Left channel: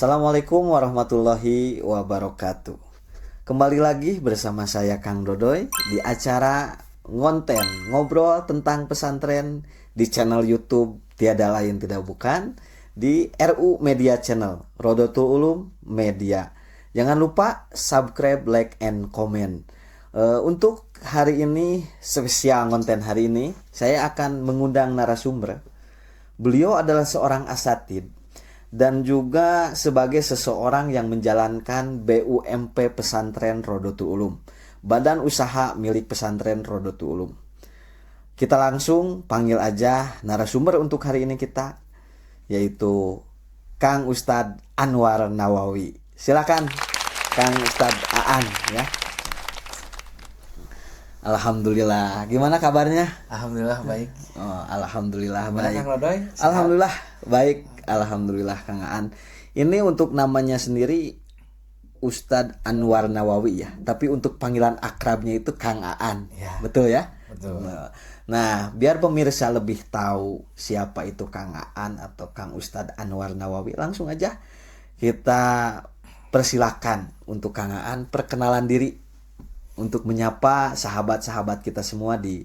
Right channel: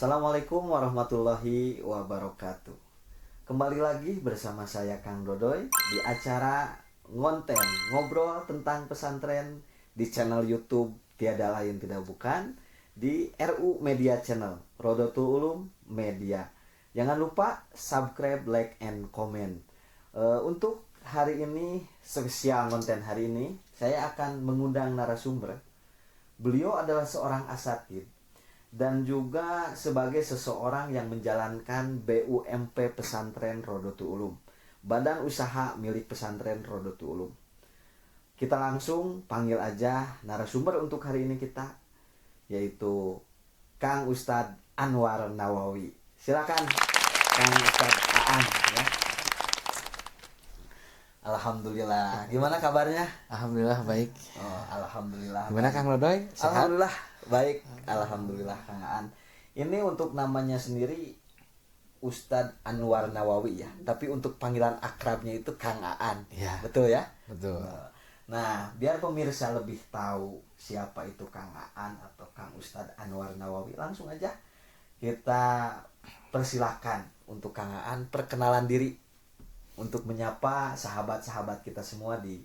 Assalamualaikum warahmatullahi wabarakatuh. Kembali lagi bersama saya Kang Dodoy di acara ngonten ngobrol tentang pesantren di channel YouTube tiada lain tidak bukan di RU Media Channel Rodotul Ulum Media. Jangan lupa subscribe, like, and comment. Untuk hari ini spesial konten hari ini saya akan mengundang narasumber. Beliau adalah seorang asatid dan juga sebagai seseorang yang menjalankan BUMP Pesantren Rodotul Ulum, badan usaha milik pesantren Rodotul Ulum. Kita langsung panggil aja narasumber untuk hari ini kita, yaitu Kang Ustadz Anwar Nawawi. Silakan Kang Ustadz Aan ya. Alhamdulillah. Gimana kabarnya? Alhamdulillah baik. Oh, alhamdulillah Gimana baik. Kang Rodoy? Sehat? Alhamdulillah baik. Alhamdulillah Kang Aan. Ini untuk namanya sendiri Ustadz Anwar Nawawi ya. Tapi untuk panggilan akrabnya itu Kang Aan. Ya. Betul ya? Betul. Nah, biar pemirsa lebih tahu siapa itu Kang Aan atau Kang Ustadz Anwar Nawawi, langsung aja kita persilakan untuk Kang Aan perkenalan diri untuk menyapa sahabat-sahabat kita semua di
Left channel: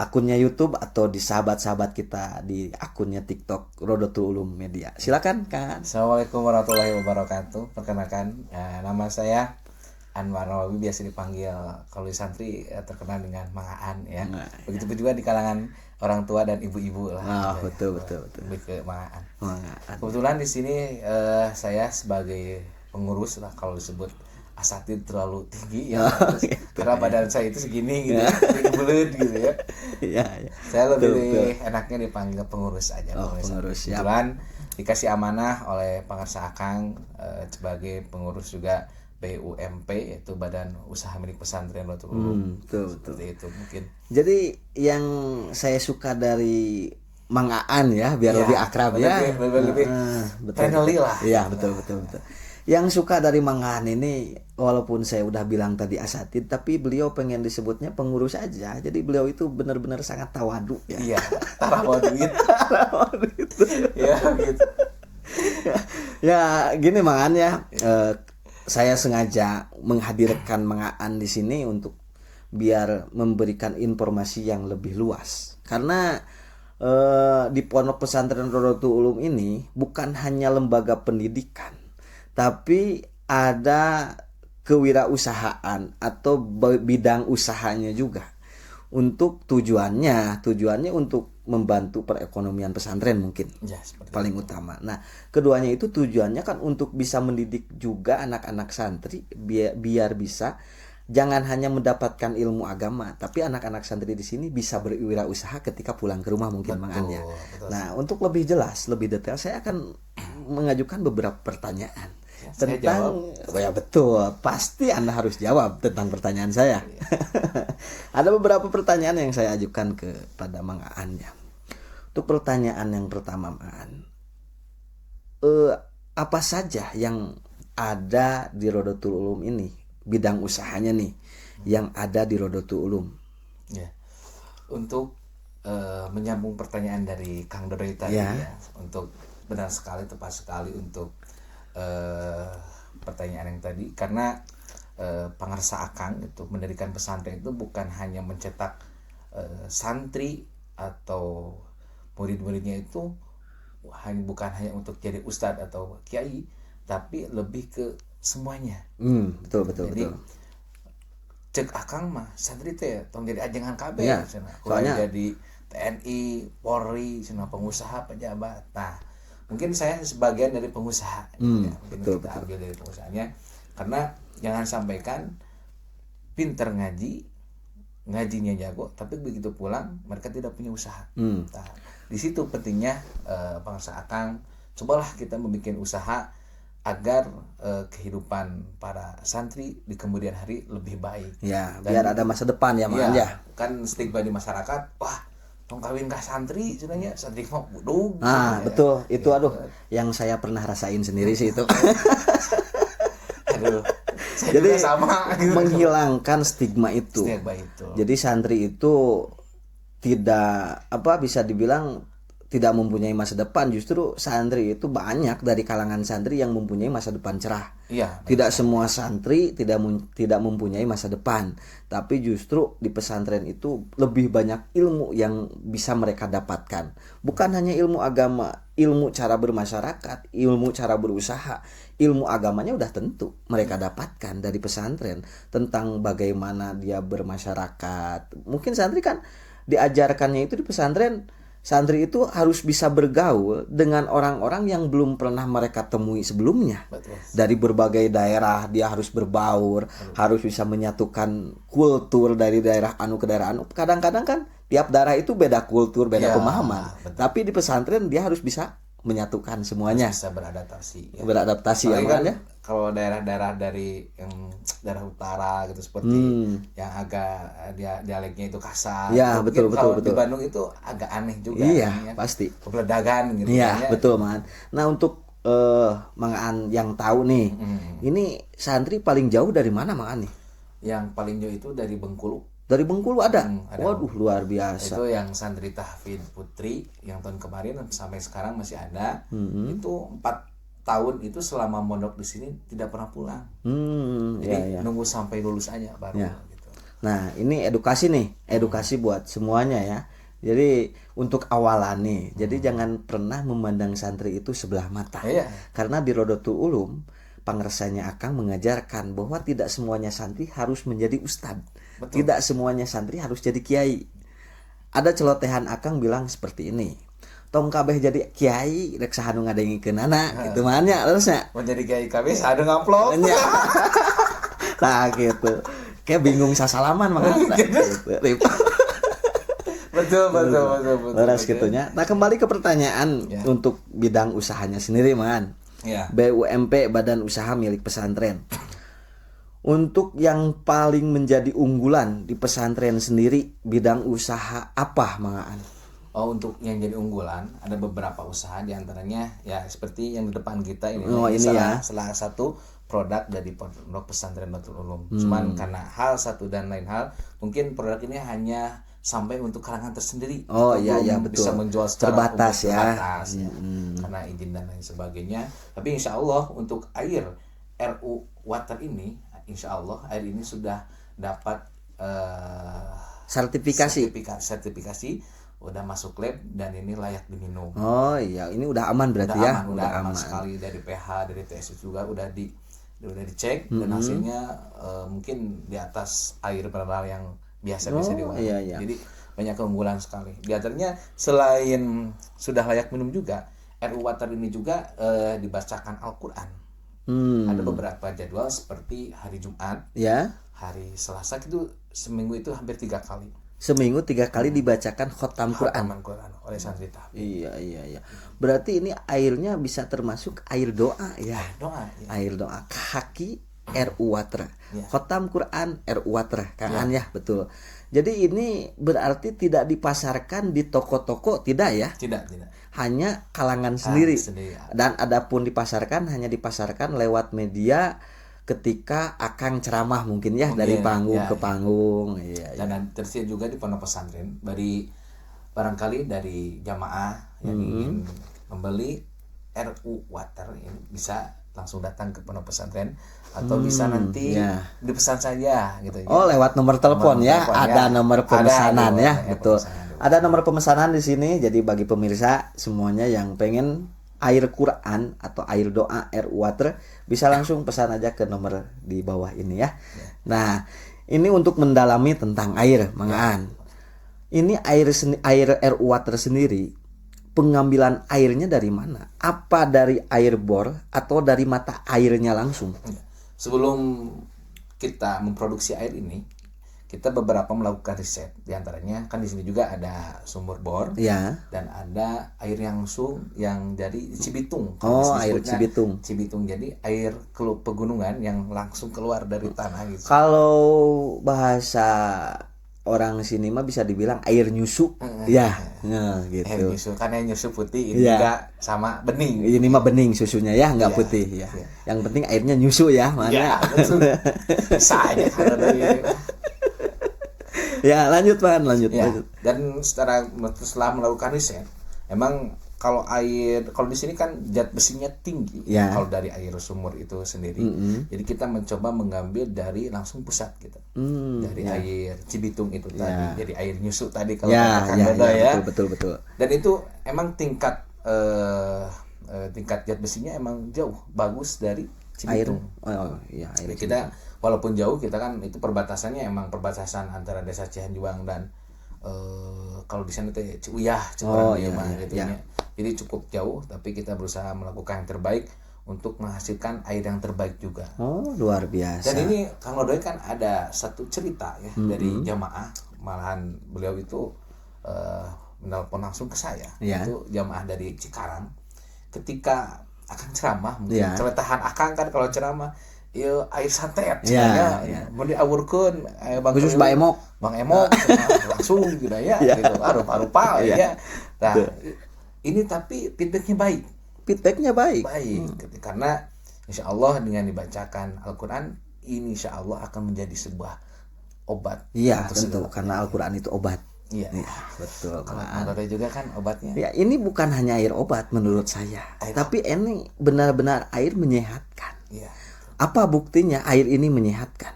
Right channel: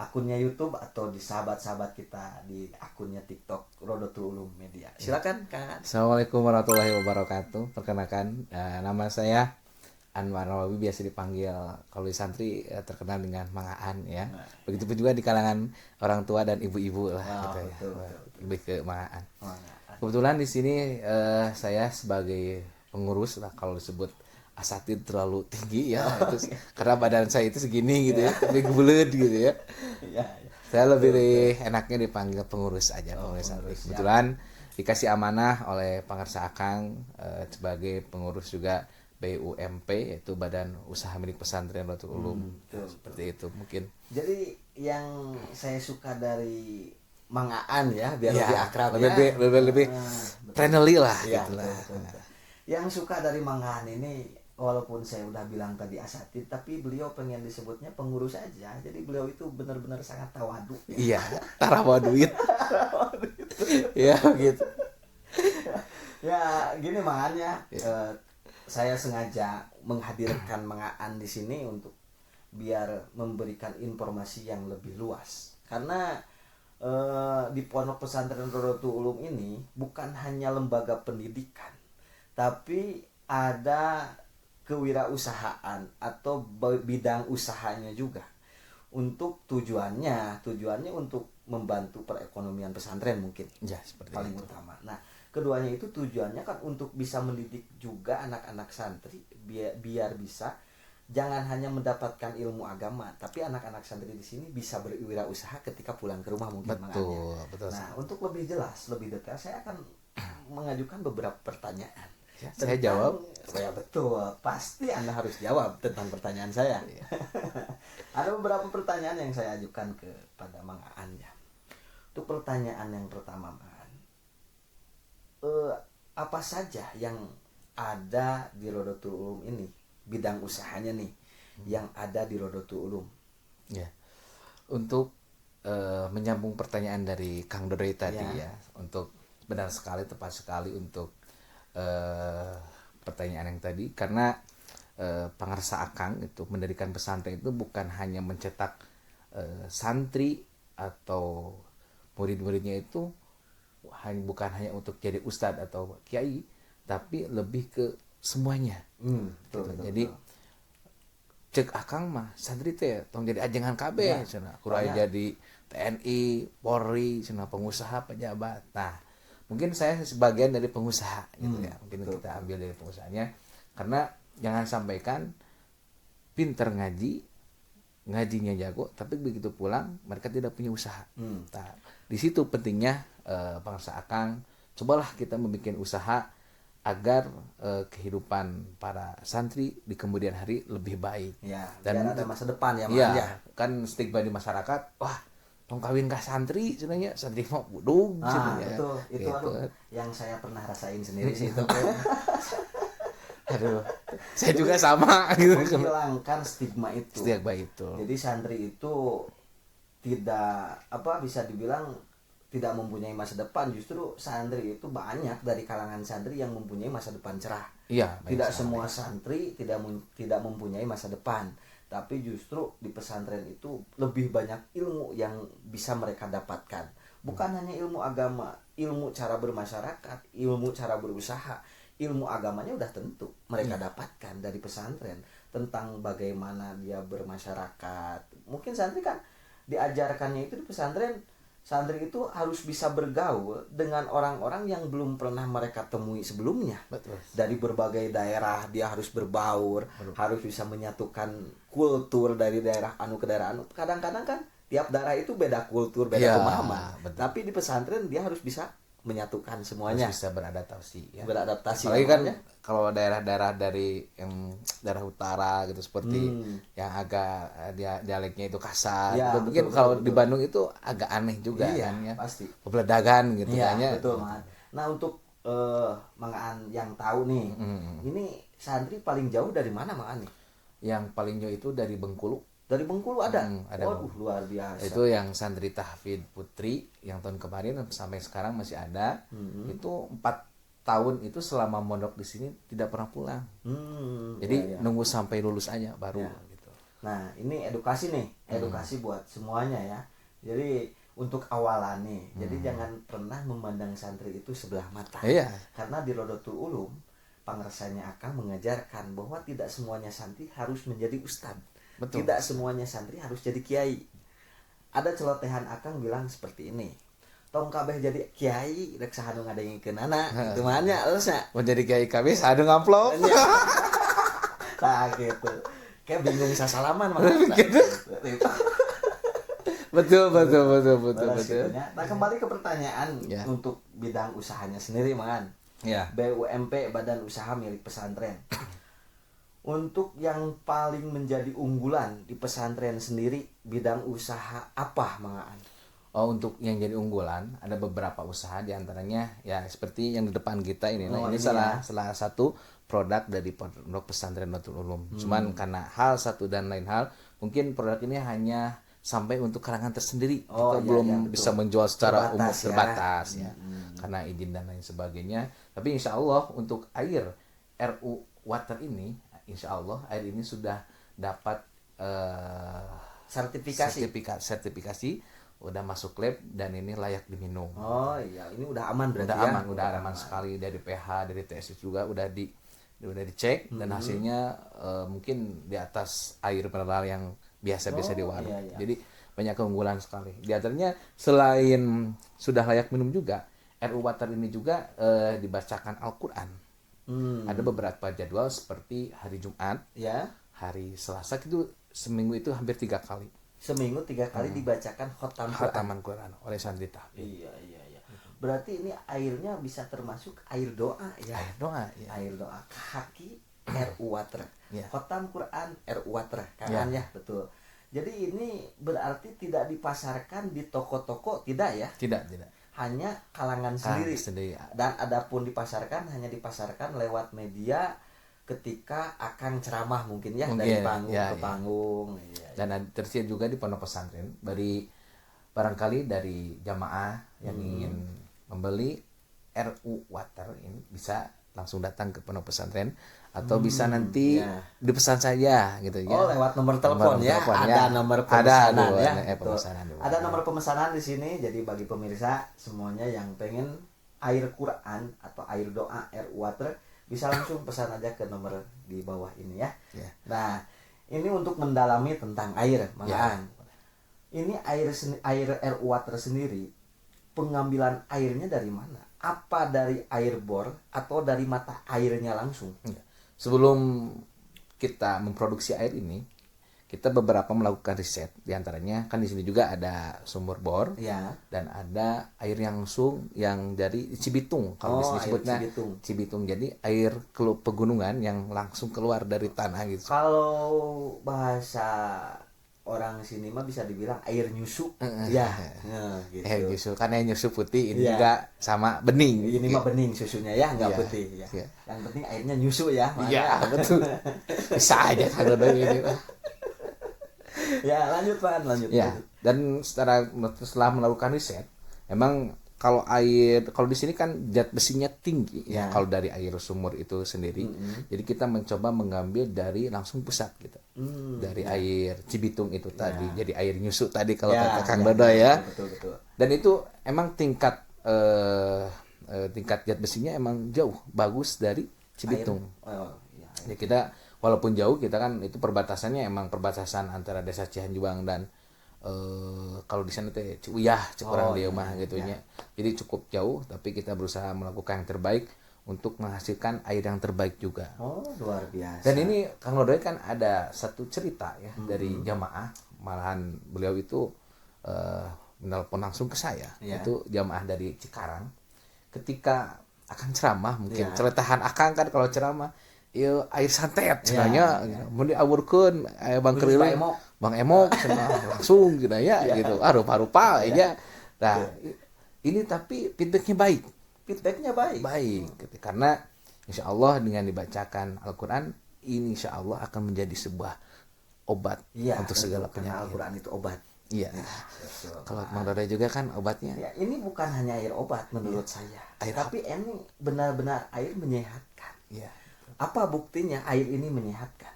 akunnya YouTube atau di sahabat-sahabat kita di akunnya TikTok Rodotul Ulum Media. Silakan Kang. Assalamualaikum warahmatullahi wabarakatuh. Perkenalkan, nama saya Anwar Nawawi, biasa dipanggil kalau di santri terkenal dengan Mang Aan ya. Begitupun juga di kalangan orang tua dan ibu-ibu lah. Betul. Lebih ke Mang Aan. Kebetulan di sini saya sebagai pengurus lah, kalau disebut asatid terlalu tinggi ya, karena badan saya itu segini gitu ya, lebih bulet gitu ya. Iya. Saya lebih enaknya dipanggil pengurus aja. Pengurus ya. Kebetulan dikasih amanah oleh Pangarsa Akang sebagai pengurus juga BUMP, yaitu Badan Usaha Milik Pesantren Rodotul Ulum. Betul. Itu mungkin. Jadi yang saya suka dari Mang Aan ya, biar lebih akrab ya. Lebih friendly lah. Iya, betul. Yang suka dari Mang Aan ini, walaupun saya udah bilang tadi asatid, tapi beliau pengen disebutnya pengurus aja. Jadi beliau itu benar-benar sangat tawadu ya. Iya, rawa duit. Ya gitu. Ya gini Mang Aan ya, saya sengaja menghadirkan Mang Aan di sini untuk biar memberikan informasi yang lebih luas. Karena di Pondok Pesantren Rodotul Ulum ini bukan hanya lembaga pendidikan, tapi ada kewirausahaan atau bidang usahanya juga. Untuk tujuannya untuk membantu perekonomian pesantren mungkin Ya, paling utama. Nah, keduanya itu tujuannya kan untuk bisa mendidik juga anak-anak santri biar bisa jangan hanya mendapatkan ilmu agama, tapi anak-anak santri di sini bisa berwirausaha ketika pulang ke rumah mungkin makanya. Nah, untuk lebih jelas, lebih detail saya akan mengajukan beberapa pertanyaan. Ya, saya jawab. Ya betul, pasti Anda harus jawab tentang pertanyaan saya. Ada beberapa pertanyaan yang saya ajukan kepada Mang Aan ya. Untuk pertanyaan yang pertama, Mang Aan, apa saja yang ada di Rodotul Ulum ini, bidang usahanya nih yang ada di Rodotul Ulum? Ya, untuk menyambung pertanyaan dari Kang Dodoy tadi ya, untuk benar sekali, tepat sekali untuk pertanyaan yang tadi, karena Pangarsa Akang itu mendirikan pesantren itu bukan hanya mencetak santri atau murid-muridnya itu bukan hanya untuk jadi ustadz atau kiai, tapi lebih ke semuanya. Betul. Jadi cek Akang mah santri teh tong jadi ajengan KB ya, soalnya jadi TNI, Polri, pengusaha, pejabat. Nah, mungkin saya sebagian dari pengusaha gitu ya. Mungkin kita ambil dari pengusahanya, karena jangan sampaikan pinter ngajinya jago, tapi begitu pulang mereka tidak punya usaha. Nah, di situ pentingnya Pangarsa Akang, cobalah kita membuat usaha agar kehidupan para santri di kemudian hari lebih baik. Ya, biar ada masa depan ya, Mang ya. Kan stigma di masyarakat, wah tong kawin gak santri sebenarnya, santri mah budung. Betul. Itu aduh, yang saya pernah rasain sendiri sih itu. Aduh, saya juga sama gitu. Menghilangkan stigma itu. Stigma itu. Jadi santri itu tidak bisa dibilang tidak mempunyai masa depan, justru santri itu banyak dari kalangan santri yang mempunyai masa depan cerah. Iya. Tidak semua santri tidak mempunyai masa depan, tapi justru di pesantren itu lebih banyak ilmu yang bisa mereka dapatkan. Bukan hanya ilmu agama, ilmu cara bermasyarakat, ilmu cara berusaha, ilmu agamanya udah tentu mereka dapatkan dari pesantren, tentang bagaimana dia bermasyarakat. Mungkin santri kan diajarkannya itu di pesantren, santri itu harus bisa bergaul dengan orang-orang yang belum pernah mereka temui sebelumnya. Betul. Dari berbagai daerah dia harus berbaur, harus bisa menyatukan kultur dari daerah anu ke daerah anu. Kadang-kadang kan tiap daerah itu beda kultur, beda pemahaman. Betul. Tapi di pesantren dia harus bisa menyatukan semuanya. Harus bisa beradaptasi ya. Beradaptasi Apalagi kan namanya. kalau daerah-daerah dari yang daerah utara gitu seperti yang agak dialeknya itu kasar. Ya, Mungkin betul, kalau betul, di betul. Bandung itu agak aneh juga. Iya, kan, ya. pasti. Kebeledagan gitu Iya, kan, ya. betul, Man. Nah, untuk Mang Aan yang tahu nih, ini santri paling jauh dari mana, Mang Aan nih? Yang paling jauh itu dari Bengkulu. Dari Bengkulu ada. Ada. Waduh, luar biasa. Itu yang santri tahfidz putri yang tahun kemarin sampai sekarang masih ada. Itu 4 tahun itu selama mondok di sini tidak pernah pulang. Jadi nunggu sampai lulus aja baru gitu. Nah, ini edukasi nih, edukasi buat semuanya ya. Jadi untuk awalan nih, jadi jangan pernah memandang santri itu sebelah mata. Iya. Karena di Rodotul Ulum, pangersanya Akang mengajarkan bahwa tidak semuanya santri harus menjadi ustadz. Betul. Tidak semuanya santri harus jadi kiai. Ada celotehan Akang bilang seperti ini. Tong kabeh jadi kiai rek sahanu ngadengikeunana gitu mah nya terusnya. Mau jadi kiai KB sadu ngupload. Nah gitu. Kayak bingung sasalaman makanya gitu. Betul. Beres gitunya. Nah, kembali ke pertanyaan untuk bidang usahanya sendiri, Man. Ya. BUMP Badan Usaha Milik Pesantren. Untuk yang paling menjadi unggulan di pesantren sendiri, bidang usaha apa, Mang Aan? Oh, untuk yang jadi unggulan ada beberapa usaha diantaranya ya seperti yang di depan kita ini. Salah satu produk dari Pondok Pesantren Rodotul Ulum. Cuman karena hal satu dan lain hal, mungkin produk ini hanya sampai untuk kalangan tersendiri. Oh Kita iya, belum betul. bisa menjual secara Terbatas, terbatas ya. Karena izin dan lain sebagainya. Tapi insya Allah untuk air RU Water ini, insya Allah air ini sudah dapat sertifikasi udah masuk lab dan ini layak diminum. Oh iya, ini udah aman berarti ya. Udah aman sekali dari pH, dari TSS juga udah dicek dan hasilnya mungkin di atas air mineral yang biasa di warung. Iya. Jadi banyak keunggulan sekali. Di antaranya selain sudah layak minum juga, RU Water ini juga dibacakan Al-Qur'an. Ada beberapa jadwal seperti hari Jumat, hari Selasa itu seminggu itu hampir 3 kali. Seminggu 3 kali dibacakan khotam Quran oleh santri tahfidz. Iya. Berarti ini airnya bisa termasuk air doa ya. Air doa. Kaki RU Water. Khotam Quran RU Water kan ya, betul. Jadi ini berarti tidak dipasarkan di toko-toko, tidak ya? Tidak. Hanya kalangan sendiri. Ya. Dan adapun dipasarkan hanya dipasarkan lewat media ketika Akang ceramah mungkin ya, dari panggung ke panggung. Iya. Dan tersedia juga di pondok pesantren barangkali dari jamaah yang ingin membeli RU Water ini bisa langsung datang ke pondok pesantren atau bisa nanti dipesan saja gitu ya. Oh, lewat nomor telepon ya. Ada nomor pemesanan ya, betul. Ada nomor pemesanan di sini. Jadi bagi pemirsa semuanya yang pengen air Quran atau air doa RU Water bisa langsung pesan aja ke nomor di bawah ini ya. Nah, ini untuk mendalami tentang air, Mang Aan. Ini air RU Water sendiri, pengambilan airnya dari mana? Apa dari air bor atau dari mata airnya langsung? Sebelum kita memproduksi air ini, kita beberapa melakukan riset. Di antaranya kan di sini juga ada sumur bor dan ada air yang langsung yang dari Cibitung. Air Cibitung. Jadi air pegunungan yang langsung keluar dari tanah gitu. Kalau bahasa orang sini mah bisa dibilang air nyusu. Gitu. Air nyusu, karena nyusu putih ini juga sama bening. Ini mah bening susunya ya, enggak putih ya. Yang penting airnya nyusu ya, Iya, betul. Saya kalau dari ini. Ya, lanjut. Dan setelah melakukan riset, emang kalau di sini kan zat besinya tinggi Ya. kalau dari air sumur itu sendiri. Jadi kita mencoba mengambil dari langsung pusat gitu. Dari air Cibitung itu tadi. Jadi air nyusuk tadi kalau kata Kang Dodo ya. Betul. Dan itu emang tingkat zat besinya emang jauh bagus dari Cibitung. Jadi kita walaupun jauh, kita kan itu perbatasannya emang perbatasan antara desa Cihanjuang dan kalau di sana teh Ciuyah, Cikurang gitu ya. Jadi cukup jauh, tapi kita berusaha melakukan yang terbaik untuk menghasilkan air yang terbaik juga. Oh, luar biasa. Dan ini Kang Dodoy kan ada satu cerita ya dari jamaah, malahan beliau itu menelpon langsung ke saya. Itu jamaah dari Cikarang. Ketika akan ceramah, mungkin ceritahan akang kan kalau ceramah air santet mau diawurkeun Bang Khusus Bang Emok langsung gitu ya gitu rupa-rupa ya. Nah, ini tapi feedbacknya baik gitu. Karena insya Allah dengan dibacakan Al-Quran ini insya Allah akan menjadi sebuah obat. Tentu, karena Al-Quran itu obat. Iya, betul. Kalau menurut juga kan obatnya. Ya, ini bukan hanya air obat menurut saya, tapi ini benar-benar air menyehatkan. Iya. Apa buktinya air ini menyehatkan?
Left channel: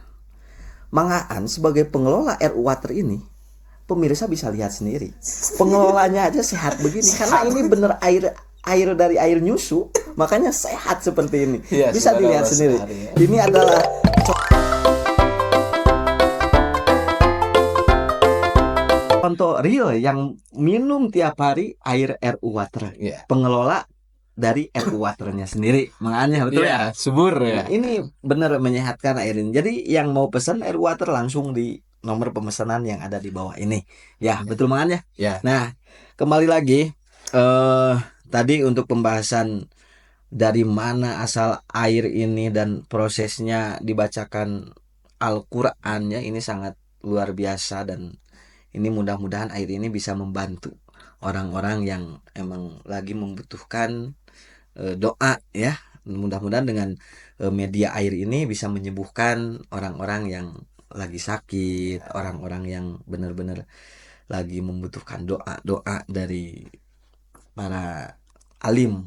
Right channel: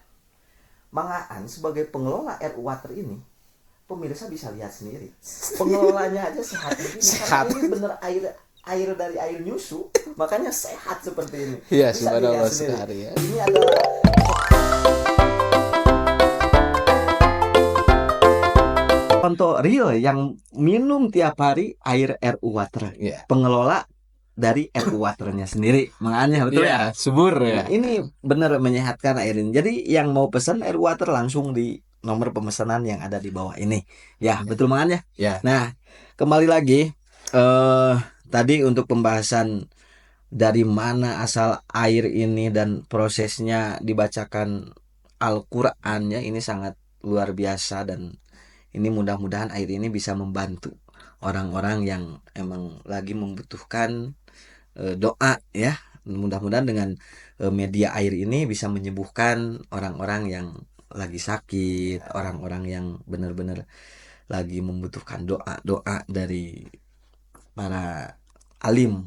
Mangaan sebagai pengelola RU Water ini, pemirsa bisa lihat sendiri. Pengelolanya aja sehat begini karena ini bener air dari air nyusu, makanya sehat seperti ini. Bisa dilihat sendiri. Ini adalah contoh real yang minum tiap hari air RU Water. Pengelola dari RU Waternya sendiri, makanya betul ya, subur ya. Ini benar menyehatkan air ini. Jadi yang mau pesan RU Water langsung di nomor pemesanan yang ada di bawah ini. Betul makanya. Nah, kembali lagi tadi untuk pembahasan dari mana asal air ini dan prosesnya dibacakan Al-Qur'annya ini sangat luar biasa, dan ini mudah-mudahan air ini bisa membantu orang-orang yang emang lagi membutuhkan doa ya. Mudah-mudahan dengan media air ini bisa menyembuhkan orang-orang yang lagi sakit, orang-orang yang benar-benar lagi membutuhkan doa dari para alim,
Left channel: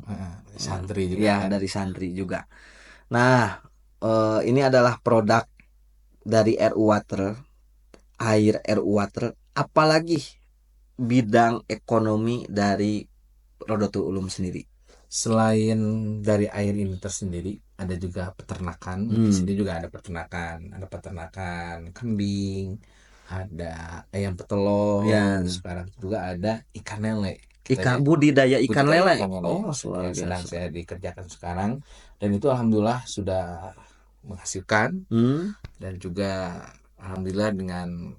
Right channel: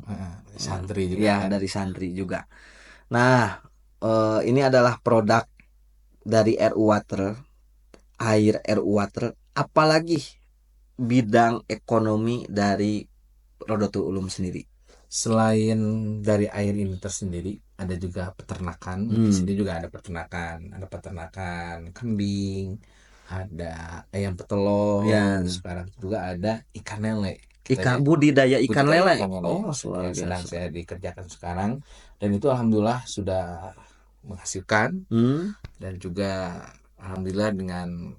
santri juga dari santri juga. Nah, ini adalah produk dari RU Water, air RU Water. Apalagi bidang ekonomi dari Rodotul Ulum sendiri. Selain dari air ini tersendiri, ada juga peternakan. Di sini juga ada peternakan kambing, ada ayam petelur, sekarang juga ada ikan lele. Budidaya ikan lele. Sedang saya dikerjakan sekarang, dan itu alhamdulillah sudah menghasilkan. Dan juga alhamdulillah dengan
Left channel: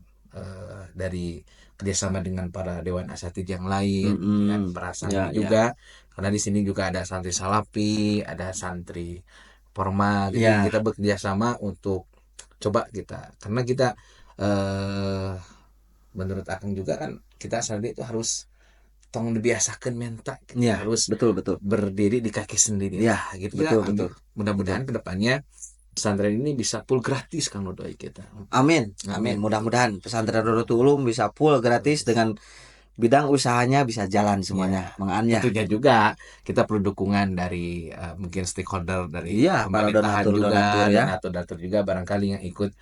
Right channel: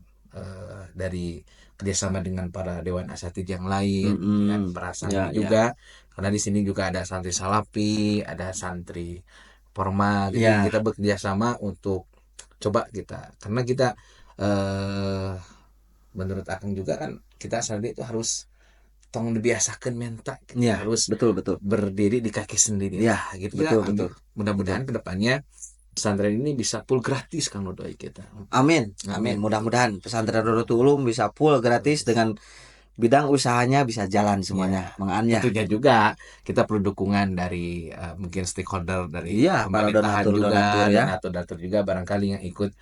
dari kerjasama dengan para dewan asatidz yang lain, dan para santri juga. Karena di sini juga ada santri Salafi, ada santri Forma, jadi kita bekerja sama untuk coba karena kita menurut Akang juga kan kita santri itu harus tong dibiasakan mental, harus betul berdiri di kaki sendiri. Gitu. Betul. Mudah-mudahan kedepannya pesantren ini bisa full gratis Kang Dodoy kita. Amin. Mudah-mudahan pesantren Rodotul Ulum bisa full gratis dengan bidang usahanya bisa jalan semuanya. Tentunya juga kita perlu dukungan dari mungkin stakeholder dari pemerintahan juga, donatur juga barangkali yang ikut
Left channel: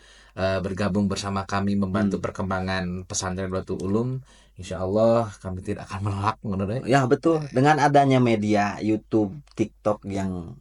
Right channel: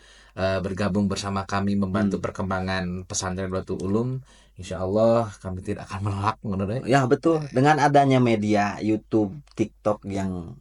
bergabung bersama kami membantu perkembangan pesantren Rodotul Ulum. Insya Allah kami tidak akan menolak. Ya betul. Dengan adanya media YouTube, TikTok yang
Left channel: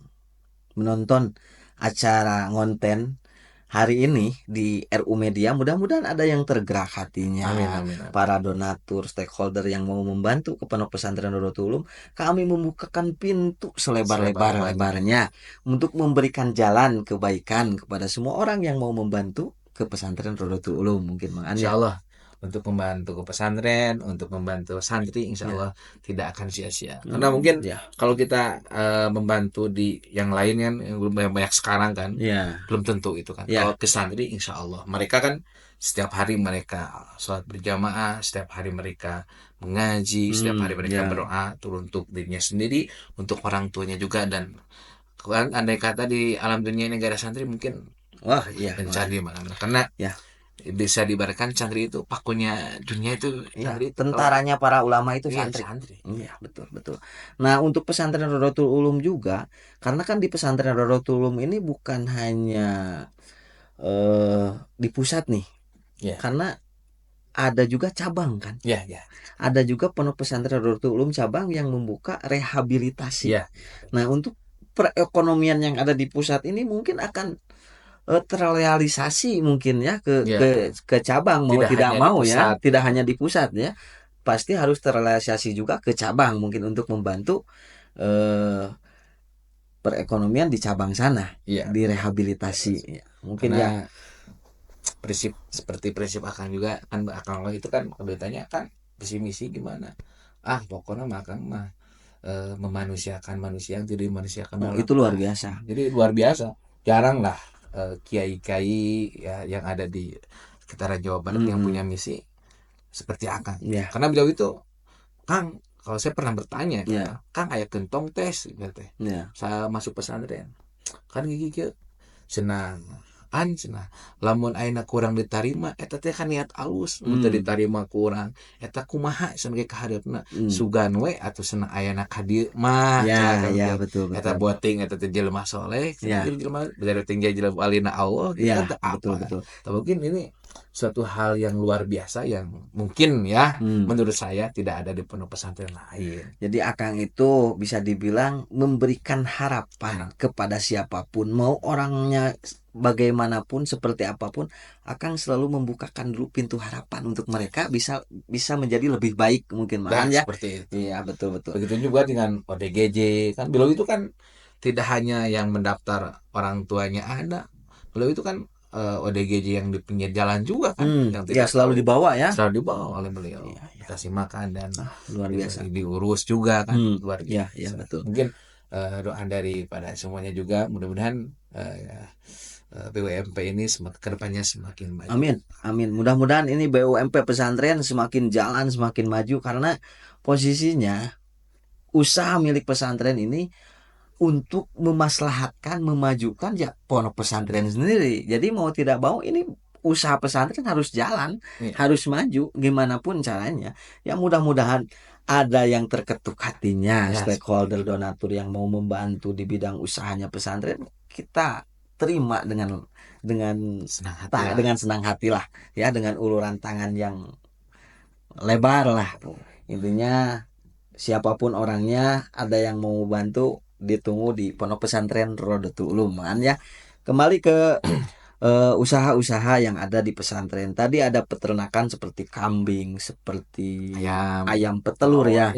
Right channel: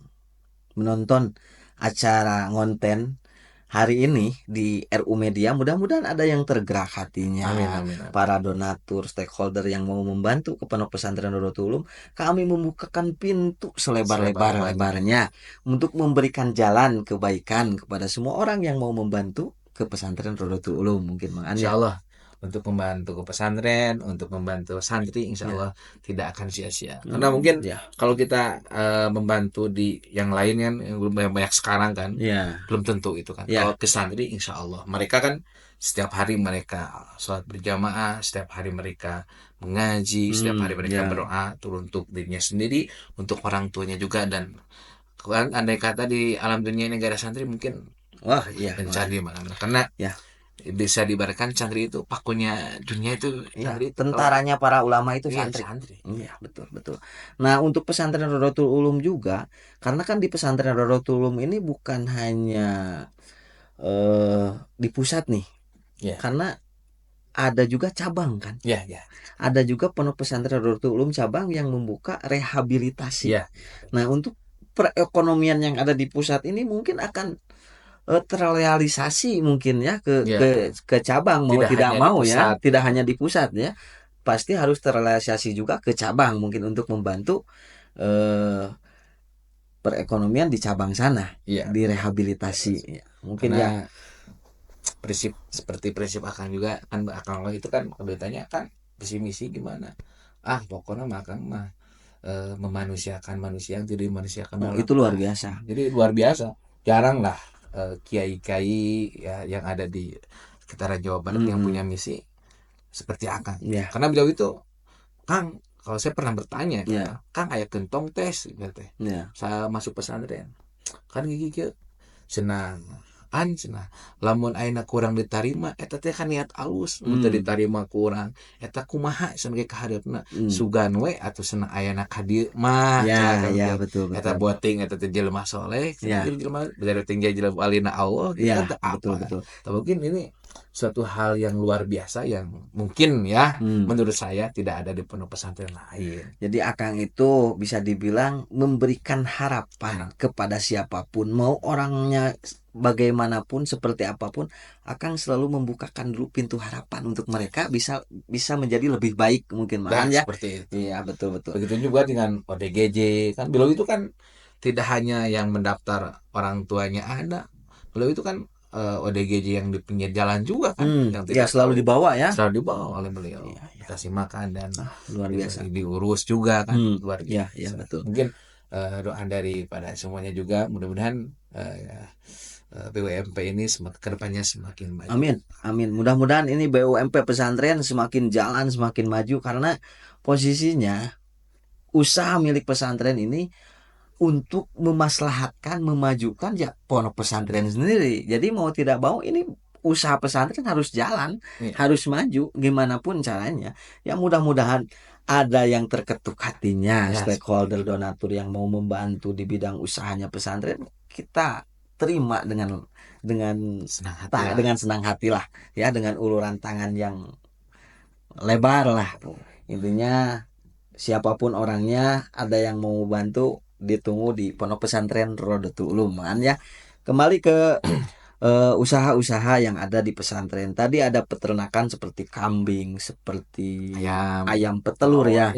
menonton acara ngonten hari ini di RU Media, mudah-mudahan ada yang tergerak hatinya. Amin. Para donatur, stakeholder yang mau membantu ke Pondok Pesantren Rodotul Ulum, kami membukakan pintu selebar-lebarnya untuk memberikan jalan kebaikan kepada semua orang yang mau membantu ke Pesantren Rodotul Ulum. Mungkin Insya Allah untuk membantu ke pesantren, untuk membantu santri, insya Allah tidak akan sia-sia. Karena mungkin kalau kita membantu di yang lain kan, yang belum banyak sekarang kan, belum tentu itu kan. Kalau ke santri, insya Allah mereka kan setiap hari mereka sholat berjamaah, setiap hari mereka mengaji, setiap hari mereka berdoa turun untuk dirinya sendiri, untuk orang tuanya juga. Dan kan andai kata di alam dunia ini gak ada santri mungkin mencari mana-mana. Karena bisa diibaratkan santri itu pakunya dunia itu Iya, santri itu kalau tentaranya para ulama itu iya santri. santri. Iya, betul, betul. Nah, untuk pesantren Rodotul Ulum juga, karena kan di pesantren Rodotul Ulum ini bukan hanya di pusat nih, Ya, karena ada juga cabang kan. ya, ya, Ada juga pondok pesantren Rodotul Ulum cabang yang membuka rehabilitasi. ya. Nah, untuk perekonomian yang ada di pusat ini mungkin akan terrealisasi mungkin ya Ya, ke cabang mau tidak tidak hanya di mau ya, pusat. tidak hanya di pusat ya, pasti harus terrealisasi juga ke cabang mungkin untuk membantu eh, perekonomian di cabang sana, Iya, direhabilitasi ya. Mungkin ya. karena prinsip seperti prinsip akang juga kan, akang lo itu kan kedutannya kan visi misi gimana, pokoknya makan mah memanusiakan manusia yang tidak dimanusiakan Oh, dalam itu luar biasa. jadi luar biasa, jarang lah kiai-kiai ya yang ada di sekitaran Jawa Barat yang punya misi seperti akang, Ya, karena beliau itu Kang, kalau saya pernah bertanya ya, Kang kayak gentong tes gitu teh ya. saya masuk pesantren kan gigi senang senang lamun aina kurang diterima eta teh kan niat alus mun teu diterima kurang eta kumaha sebagai kahadeupna sugan we atuh senang ayana ka dieu mah Ya, ya, betul, eta betul. boting eta teh jelema saleh Ya, jelema dari tinggi jelema alina Allah gitu kan ya, teu betul, apa. betul. Mungkin ini suatu hal yang luar biasa yang mungkin ya Hmm. menurut saya tidak ada di pondok pesantren lain. Jadi Akang itu bisa dibilang memberikan harapan kepada siapapun, mau orangnya bagaimanapun, seperti apapun, Akang selalu membukakan dulu pintu harapan untuk mereka bisa bisa menjadi lebih baik mungkin Nah, makan ya. seperti itu. Iya, betul, betul. Begitu juga dengan ODGJ kan beliau itu kan tidak hanya yang mendaftar orang tuanya ada, beliau itu kan ODGJ yang di pinggir jalan juga kan yang Ya tidak selalu tahu dibawa ya. selalu dibawa oleh beliau Iya, iya. kasih makan dan Luar biasa. diurus juga kan luar Ya, biasa. ya, betul. Mungkin doa daripada semuanya juga mudah-mudahan BUMP ini kedepannya semakin maju. Amin, amin. Mudah-mudahan ini BUMP pesantren semakin jalan, semakin maju karena posisinya usaha milik pesantren ini untuk memaslahatkan, memajukan ya pondok pesantren sendiri. Jadi mau tidak mau ini usaha pesantren harus jalan, harus maju gimana pun caranya. Ya mudah-mudahan ada yang terketuk hatinya, stakeholder donatur yang mau membantu di bidang usahanya pesantren, kita terima dengan senang hati lah ya, dengan uluran tangan yang lebar lah. Intinya siapapun orangnya, ada yang mau bantu, ditunggu di pondok pesantren Rodotul Ulum ya. Kembali ke usaha-usaha yang ada di pesantren. Tadi ada peternakan seperti kambing, seperti ayam petelur ya.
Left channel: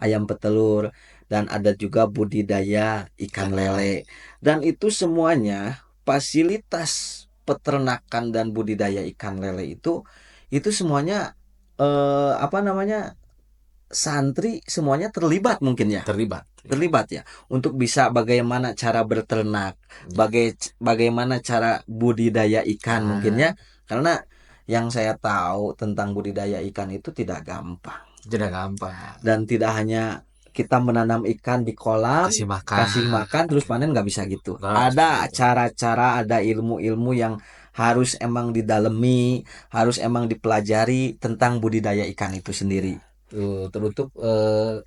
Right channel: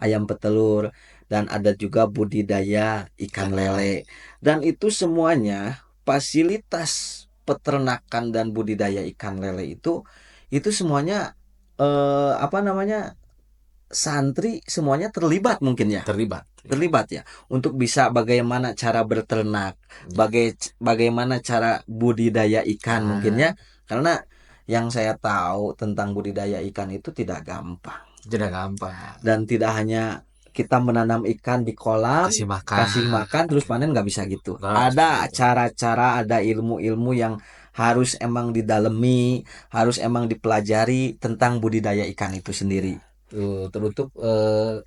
Ayam petelur, dan ada juga budidaya ikan lele. Dan itu semuanya fasilitas peternakan dan budidaya ikan lele itu semuanya santri semuanya terlibat mungkin ya. Terlibat ya untuk bisa bagaimana cara berternak, bagaimana cara budidaya ikan mungkin ya. Karena yang saya tahu tentang budidaya ikan itu tidak gampang. Dan tidak hanya kita menanam ikan di kolam, kasih makan terus panen, nggak bisa gitu. Ada cara-cara, ada ilmu-ilmu yang harus emang didalemi, harus emang dipelajari tentang budidaya ikan itu sendiri. Teruntuk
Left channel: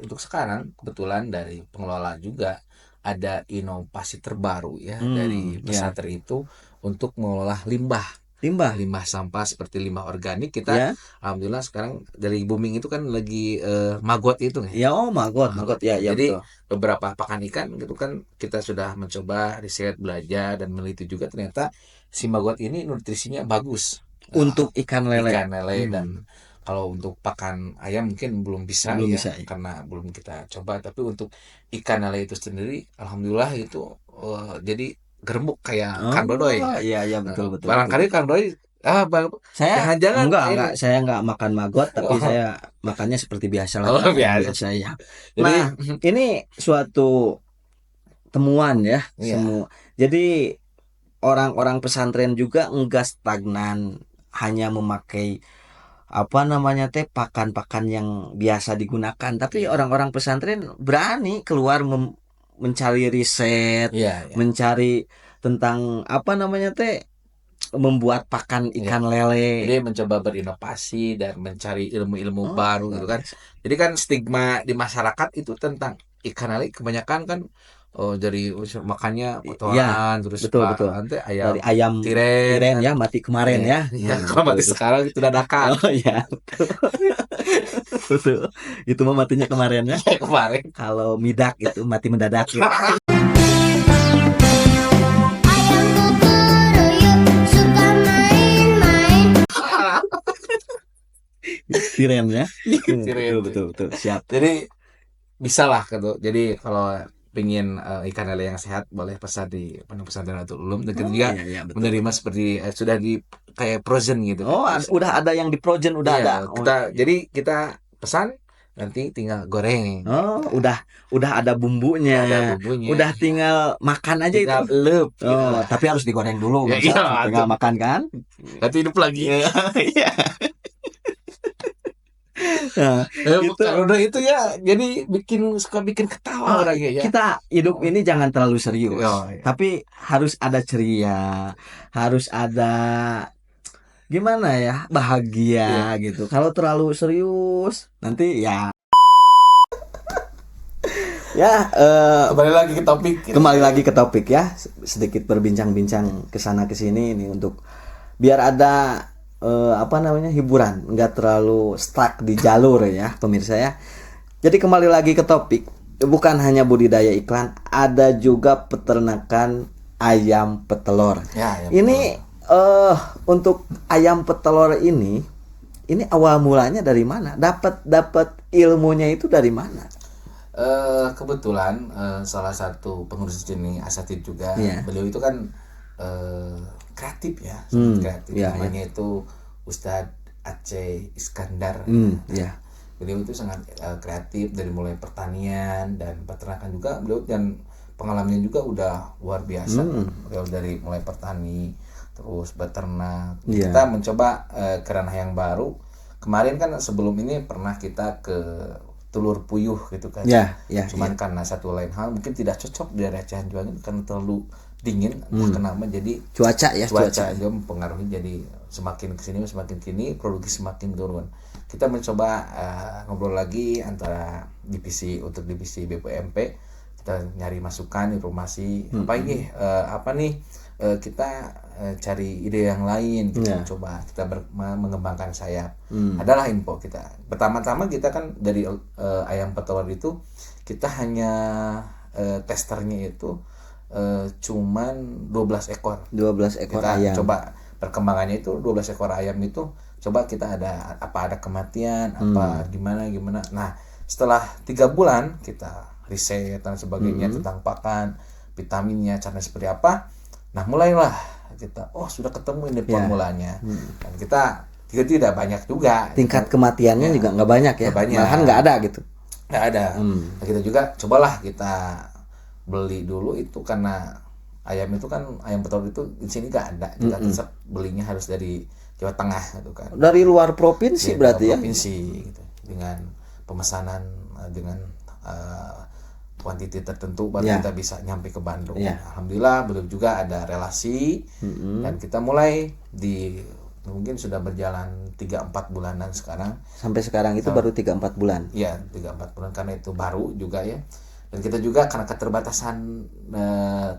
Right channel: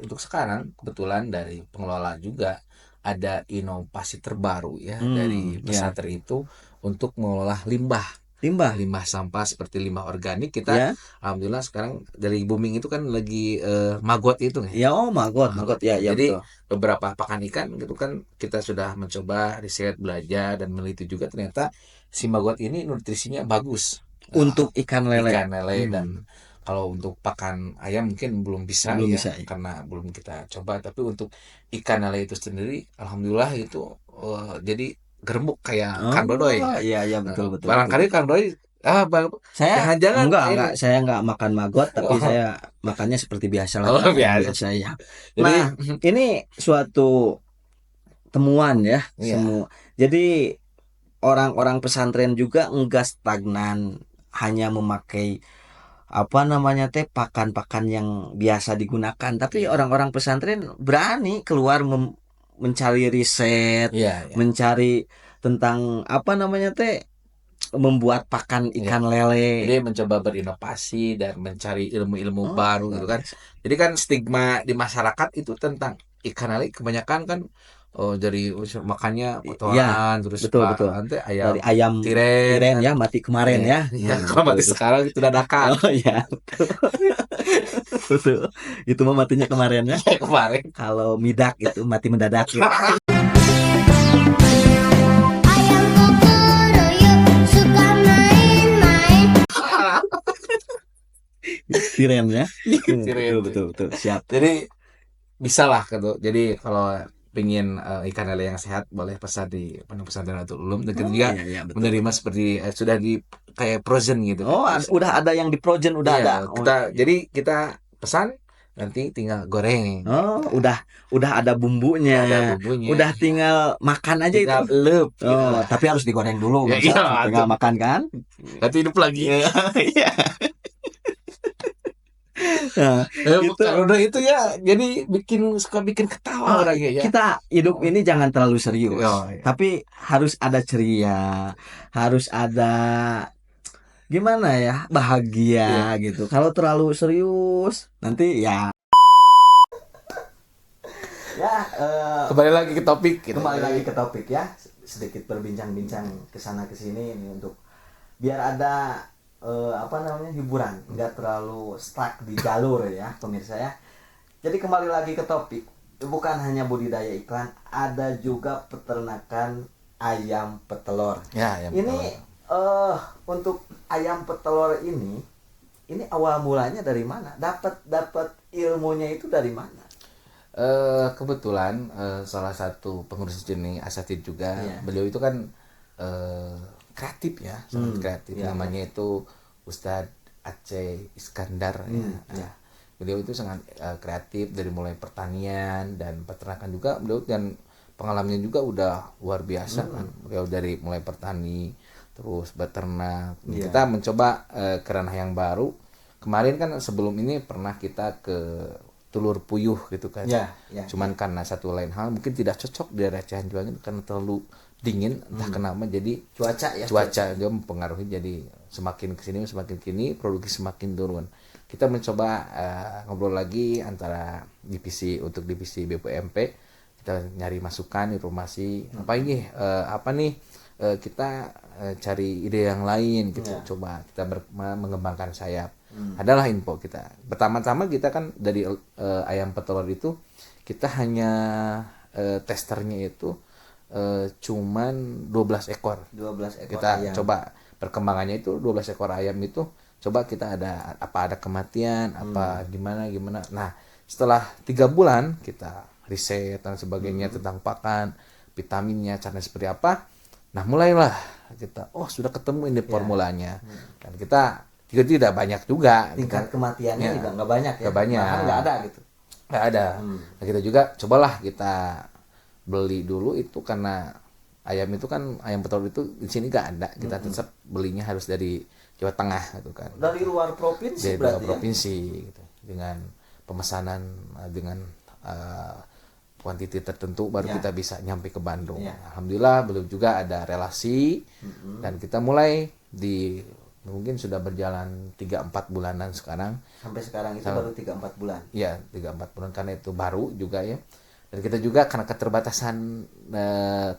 untuk sekarang kebetulan dari pengelola juga ada inovasi terbaru ya dari pesantren itu untuk mengolah limbah sampah seperti limbah organik. Kita alhamdulillah sekarang dari booming itu kan lagi maggot itu ya. Maggot ya. Jadi betul. beberapa pakan ikan gitu kan kita sudah mencoba riset, belajar dan meneliti juga, ternyata si maggot ini nutrisinya bagus untuk ikan lele dan kalau untuk pakan ayam mungkin belum bisa karena belum kita coba, tapi untuk ikan lele itu sendiri alhamdulillah itu jadi gerembuk kayak Kang Dodoy. Iya betul. Barangkali Kang Dodoy saya enggak, saya enggak makan maggot, tapi saya makannya seperti biasa lah. Biasa ya. Nah, ini suatu temuan ya semua. Jadi orang-orang pesantren juga enggak stagnan hanya memakai pakan-pakan yang biasa digunakan, tapi orang-orang pesantren berani keluar mencari riset, mencari tentang membuat pakan ikan lele. Jadi mencoba berinovasi dan mencari ilmu-ilmu Oh, baru gitu luar kan. biasa. Jadi kan stigma di masyarakat itu tentang ikan lele kebanyakan kan dari unsur makannya Iya, kotoran terus betul betul. nanti Dari ayam ayam tiren tiren kan. ya mati kemarin Ya, ya. ya Nah, kalau betul mati itu. sekarang itu dadakan. Oh iya, betul. Betul. Itu mah matinya kemarin ya. Ya kemarin. Kalau midak itu mati mendadak ya. Ayam kukuruyuk suka main-main. Tiren ya. Tiren. Betul betul betul. Siap. Jadi bisa lah gitu. Jadi kalau pingin ikan lele yang sehat boleh pesan di Pondok Pesantren Nurul Ulum dan kita Oh juga iya iya betul menerima betul. seperti sudah di kayak frozen gitu kan. Oh, udah ada yang di Projen udah Iya, ada. Oh, kita iya. jadi kita pesan nanti tinggal goreng. Oh, udah ada bumbunya. Udah ada bumbunya. Udah tinggal makan aja itu. Tinggal elup gitu Oh, lah. tapi harus digoreng dulu, Ya nggak iya, usah tinggal makan kan? nanti hidup lagi. Iya. Iya. Nah, itu Kalau udah itu ya jadi suka bikin ketawa orangnya ya. kita hidup ini jangan terlalu serius, Oh, iya. tapi harus ada ceria, harus ada gimana ya, Iya. bahagia gitu. Kalau terlalu serius, nanti ya Kembali lagi ke topik. Gitu. kembali lagi ke topik ya, sedikit berbincang-bincang ke sana ke sini ini untuk biar ada apa namanya hiburan, nggak terlalu stuck di jalur ya pemirsa ya. Jadi kembali lagi ke topik, bukan hanya budidaya iklan, ada juga peternakan ayam petelur. Ya, Ini untuk ayam petelur ini awal mulanya dari mana? Dapat ilmunya itu dari mana? Kebetulan salah satu pengurus seni asatid juga, Iya. beliau itu kan kreatif ya, sangat kreatif. Iya, Namanya itu Ustadz Aceh Iskandar. Ya. Beliau itu sangat kreatif dari mulai pertanian dan peternakan juga beliau, dan pengalamannya juga udah luar biasa. Beliau dari mulai petani terus beternak. Iya. Kita mencoba ke ranah yang baru. Kemarin kan sebelum ini pernah kita ke telur puyuh gitu kan. Ya, ya. Cuman karena satu lain hal mungkin tidak cocok di daerah Cianjur karena terlalu dingin, entah kenapa jadi Cuaca ya, cuaca aja mempengaruhi, jadi semakin semakin kini produksi semakin turun. Kita mencoba ngobrol lagi antara divisi BPMP, kita nyari masukan informasi apa ini apa nih kita cari ide yang lain, kita coba kita mengembangkan sayap. Adalah info kita pertama-tama kita kan dari ayam petelur itu kita hanya testernya itu cuman 12 ekor 12 ekor kita ayam. coba perkembangannya itu 12 ekor ayam itu coba kita ada kematian apa gimana. Nah setelah 3 bulan kita riset dan sebagainya tentang pakan, vitaminnya, caranya seperti apa. Nah mulailah kita sudah ketemu ini formulanya. Dan kita tidak banyak juga Tingkat kematiannya juga nggak banyak ya. Nggak banyak. Bahkan nggak ada gitu. nggak ada. Nah, kita juga cobalah kita beli dulu itu, karena ayam itu kan ayam petelur itu di sini nggak ada. Kita tetap belinya harus dari Jawa Tengah gitu kan. Dari luar provinsi Dari berarti ya. provinsi gitu. Dengan pemesanan dengan kuantiti tertentu baru kita bisa nyampe ke Bandung. Alhamdulillah beliau juga ada relasi dan kita mulai mungkin sudah berjalan 3-4 bulanan sekarang. Sampai sekarang itu baru 3-4 bulan. Iya, 3-4 bulan karena itu baru juga ya. Dan kita juga karena keterbatasan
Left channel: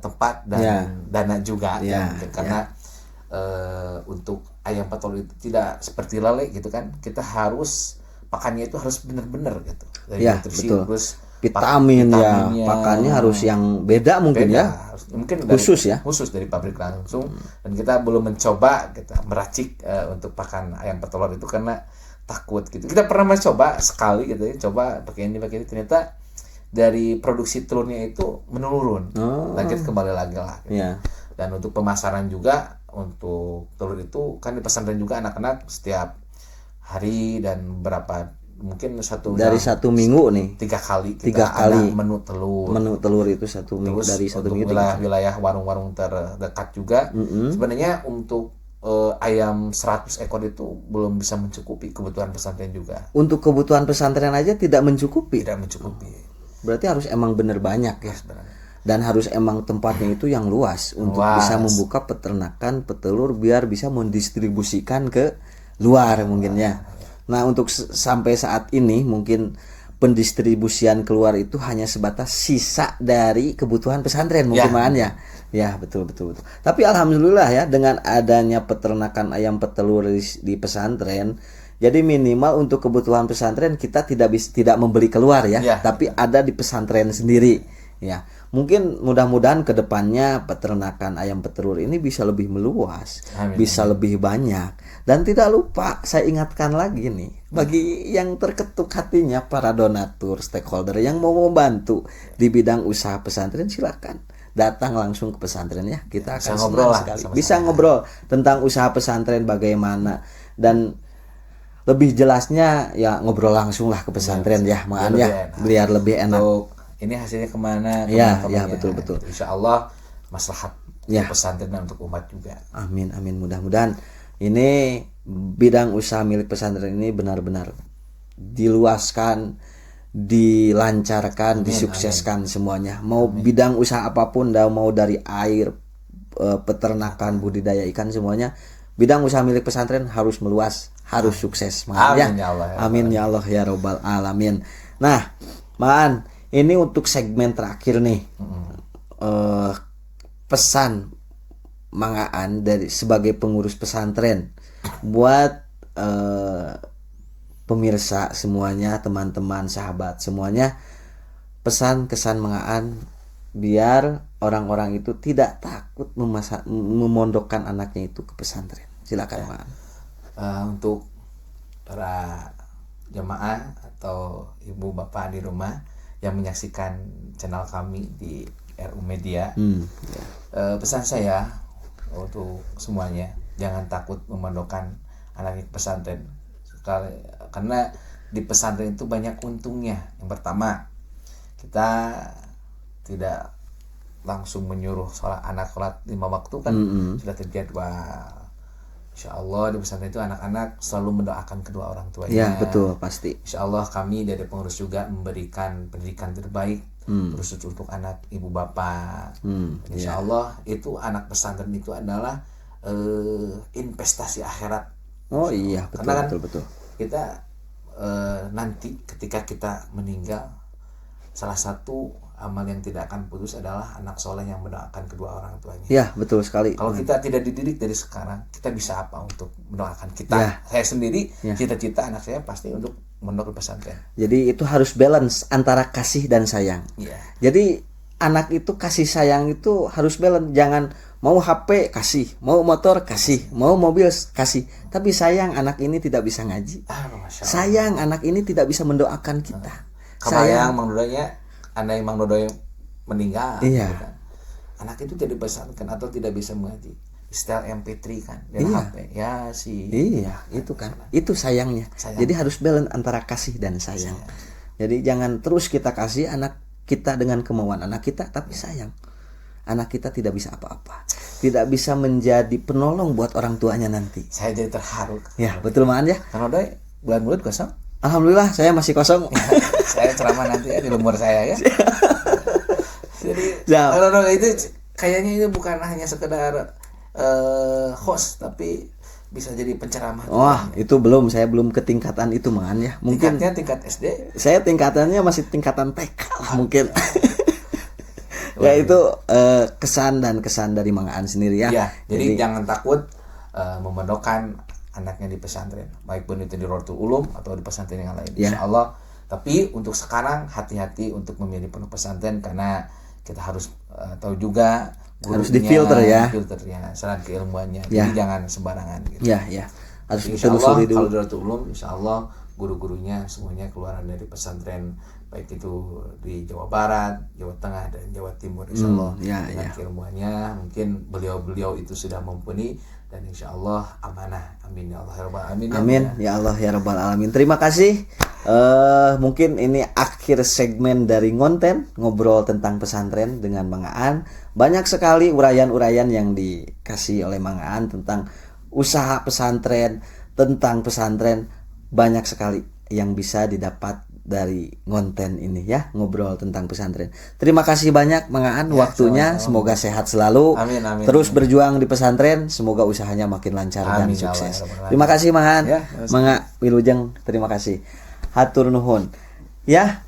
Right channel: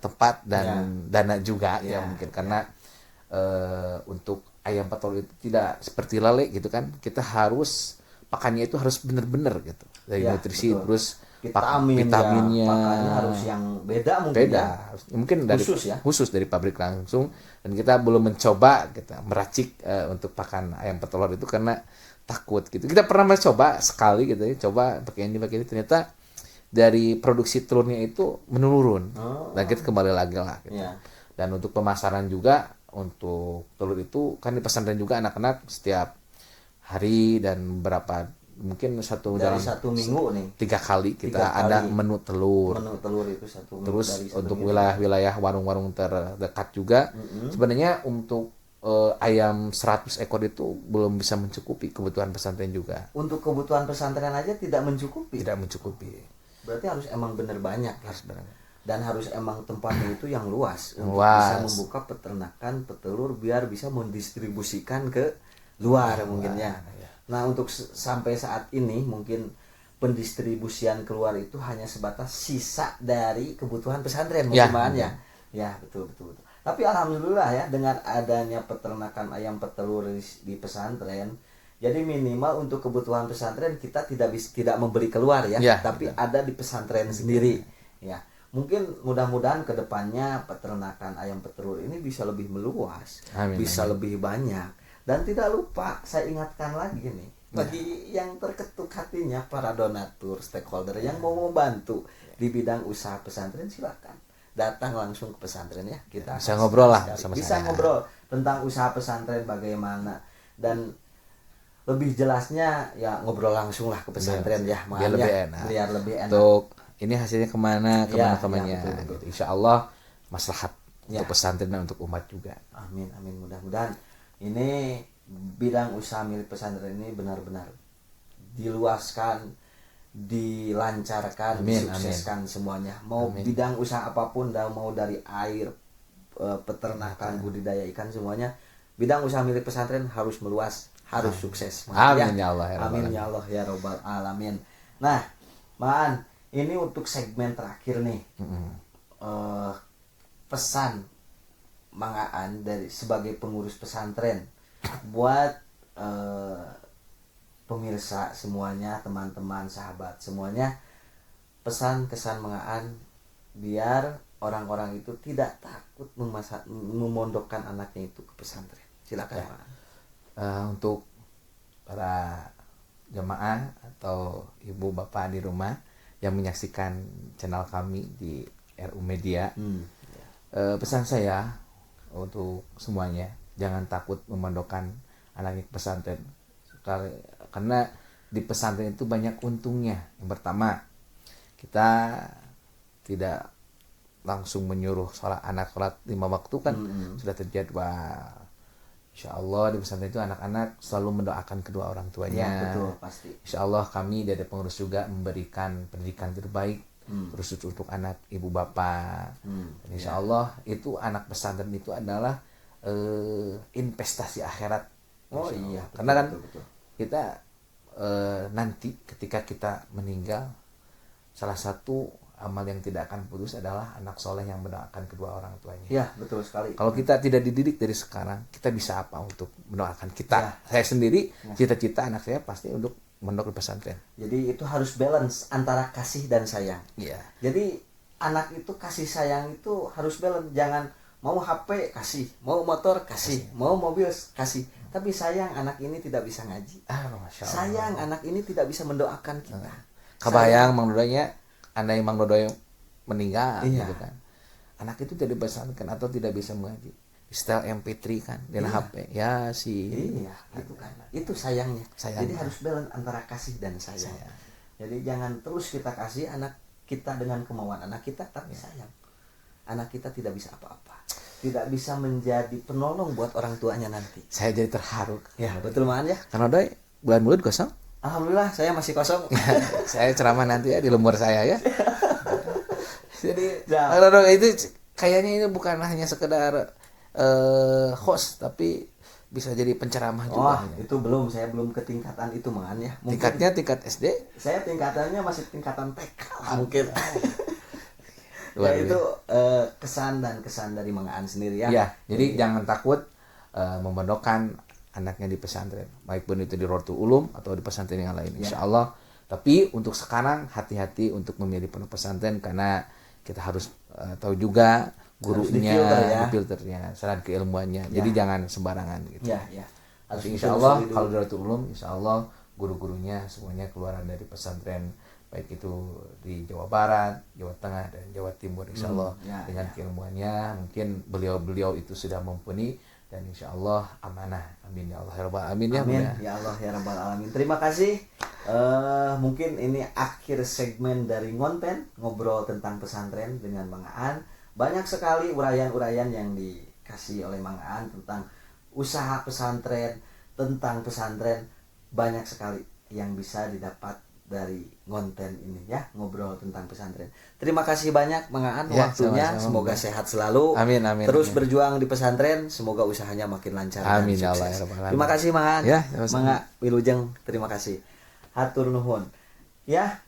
tempat dan dana juga mungkin karena untuk ayam petelur itu tidak seperti lele gitu kan. Kita harus pakannya itu harus benar-benar gitu. Dari nutrisi betul. terus vitaminnya, pakannya harus yang beda mungkin ya. Mungkin dari, khusus dari pabrik langsung. Dan kita belum mencoba kita meracik untuk pakan ayam petelur itu karena takut gitu. Kita pernah mencoba sekali gitu ya, coba pakai ini ternyata dari produksi telurnya itu menurun. Dan kita kembali lagi lah gitu. Dan untuk pemasaran juga untuk telur itu kan di pesantren juga anak-anak setiap hari dan mungkin dari satu minggu nih 3 kali kita ada menu telur itu satu minggu. Terus dari satu untuk minggu wilayah warung-warung terdekat juga sebenarnya untuk ayam 100 ekor itu belum bisa mencukupi kebutuhan pesantren juga. Untuk kebutuhan pesantren aja tidak mencukupi. Tidak mencukupi. Berarti harus emang bener banyak ya. Dan harus emang tempatnya itu yang luas untuk Luas. bisa membuka peternakan petelur biar bisa mendistribusikan ke luar mungkin ya. Nah untuk sampai saat ini mungkin pendistribusian keluar itu hanya sebatas sisa dari kebutuhan pesantren mungkin Ya. Maan ya. Ya betul. Tapi alhamdulillah ya dengan adanya peternakan ayam petelur di pesantren, jadi minimal untuk kebutuhan pesantren kita tidak membeli keluar ya, Ya, tapi ada di pesantren sendiri ya. Mungkin mudah-mudahan kedepannya peternakan ayam petelur ini bisa lebih meluas, Amin, bisa lebih banyak. Dan tidak lupa saya ingatkan lagi nih bagi yang terketuk hatinya para donatur, stakeholder yang mau membantu di bidang usaha pesantren, silakan datang langsung ke pesantren ya. Kita Bisa akan ngobrol senang lah sekali. sama Bisa saya. ngobrol tentang usaha pesantren bagaimana, dan lebih jelasnya ya ngobrol langsung lah ke pesantren ya, biar Maan ya, lebih enak. biar lebih enak. Untuk ini hasilnya kemana Ya, kemana. ya, betul. Insya Allah maslahat Ya. untuk pesantren dan untuk umat juga. Amin mudah-mudahan ini bidang usaha milik pesantren ini benar-benar diluaskan, dilancarkan, disukseskan semuanya. Mau bidang usaha apapun, mau dari air, peternakan, budidaya ikan, semuanya bidang usaha milik pesantren harus meluas, harus sukses. Maan, Amin ya Allah, ya Amin ya Allah ya robbal alamin. Nah, Maan, ini untuk segmen terakhir nih. Pesan Mangaan dari sebagai pengurus pesantren buat pemirsa semuanya, teman-teman, sahabat semuanya, pesan kesan Mangaan biar orang-orang itu tidak takut memondokkan anaknya itu ke pesantren. Silakan Mangaan. Untuk para jamaah atau ibu bapak di rumah yang menyaksikan channel kami di RU Media, pesan saya untuk semuanya, jangan takut memondokkan anaknya ke pesantren. Karena di pesantren itu banyak untungnya. Yang pertama, kita tidak langsung menyuruh anak sholat 5 waktu kan, sudah terjadwal. Insya Allah di pesantren itu anak-anak selalu mendoakan kedua orang tuanya. Ya betul, pasti. Insya Allah kami dari pengurus juga memberikan pendidikan terbaik khusus untuk anak ibu bapak. Insya Allah itu anak pesantren itu adalah investasi akhirat. Oh iya, betul, Karena kan betul. kita nanti ketika kita meninggal, salah satu amal yang tidak akan putus adalah anak soleh yang mendoakan kedua orang tuanya. Ya betul sekali. Kalau kita tidak dididik dari sekarang, kita bisa apa untuk mendoakan kita? Ya. Saya sendiri, Ya. cita-cita anak saya pasti untuk mondok di pesantren. Jadi itu harus balance antara kasih dan sayang. Iya. Jadi anak itu kasih sayang itu harus balance. Jangan mau HP kasih, mau motor kasih, mau mobil kasih. Tapi sayang anak ini tidak bisa ngaji. Masya Allah. Sayang anak ini tidak bisa mendoakan kita. Kebayang Mang Dodoynya, andai Mang Dodoy meninggal, Iya. gitu kan. Anak itu tidak dipesankan atau tidak bisa mengaji. Setel MP3 kan dan Iya. HP. Ya sih. Iya, itu kan. Itu sayangnya. Sayang. Jadi harus balance antara kasih dan sayang. Jadi jangan terus kita kasih anak kita dengan kemauan anak kita, tapi sayang. Anak kita tidak bisa apa-apa. Tidak bisa menjadi penolong buat orang tuanya nanti. Saya jadi terharu. Ya, betul Maan ya. Kang Dodoy bulan-bulan kosong. Alhamdulillah saya masih kosong. Saya ceramah nanti ya di lemur saya ya. Jadi Ya. Kang Dodoy itu kayaknya ini bukan hanya sekedar host, tapi bisa jadi penceramah juga. Wah, itu belum. Saya belum ke tingkatan itu Maan ya. Mungkin Tingkatnya tingkat SD. saya tingkatannya masih tingkatan TK lah mungkin. Ya itu kesan dari Mangaan sendiri ya. Ya, jadi jangan takut memondokkan anaknya di pesantren, baik pun itu di Rotul Ulum atau di pesantren yang lain. Ya. Insya Allah. Tapi untuk sekarang hati-hati untuk memilih pondok pesantren karena kita harus tahu juga Harus gurunya, difilter ya. difilternya, syarat keilmuannya. Ya. Jadi jangan sembarangan gitu. Ya. Harus Insya Allah ditelusuri dulu. kalau di Rotul Ulum, Insya Allah guru-gurunya semuanya keluaran dari pesantren, baik itu di Jawa Barat, Jawa Tengah dan Jawa Timur. Insya Allah ya, dengan ya. keilmuannya mungkin beliau-beliau itu sudah mumpuni dan Insya Allah amanah. Amin ya Allah ya Rabbal alamin. Amin ya Allah ya rabbal alamin. Terima kasih. Mungkin ini akhir segmen dari ngonten ngobrol tentang pesantren dengan Mangaan. Banyak sekali uraian-uraian yang dikasih oleh Mangaan tentang usaha pesantren, tentang pesantren. Banyak sekali yang bisa didapat dari konten ini ya, ngobrol tentang pesantren. Terima kasih banyak Mang Aan Ya, waktunya. sama-sama. Semoga sehat selalu. Amin, amin, Terus amin. berjuang di pesantren, semoga usahanya makin lancar dan Amin, ya Allah, sukses. ya Rabbal Terima kasih Mang Aan. Ya, Mangga Wilujeng, terima kasih. Hatur nuhun. Ya,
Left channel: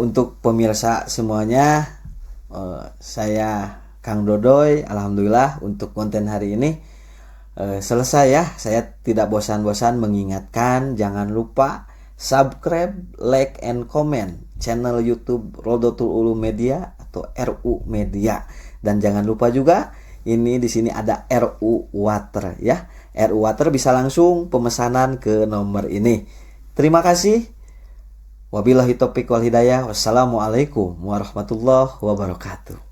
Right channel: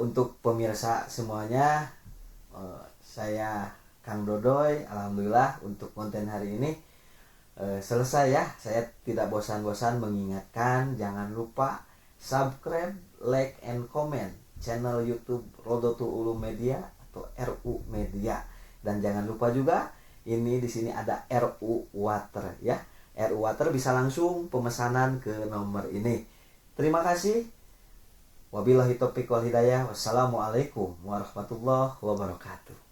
untuk pemirsa semuanya, saya Kang Dodoy, alhamdulillah untuk konten hari ini selesai ya. Saya tidak bosan-bosan mengingatkan, jangan lupa subscribe, like, and comment channel YouTube Rodotul Ulum Media atau RU Media. Dan jangan lupa juga ini di sini ada RU Water ya. RU Water bisa langsung pemesanan ke nomor ini. Terima kasih. Wabillahi taufiq wal hidayah. Wassalamualaikum warahmatullahi wabarakatuh.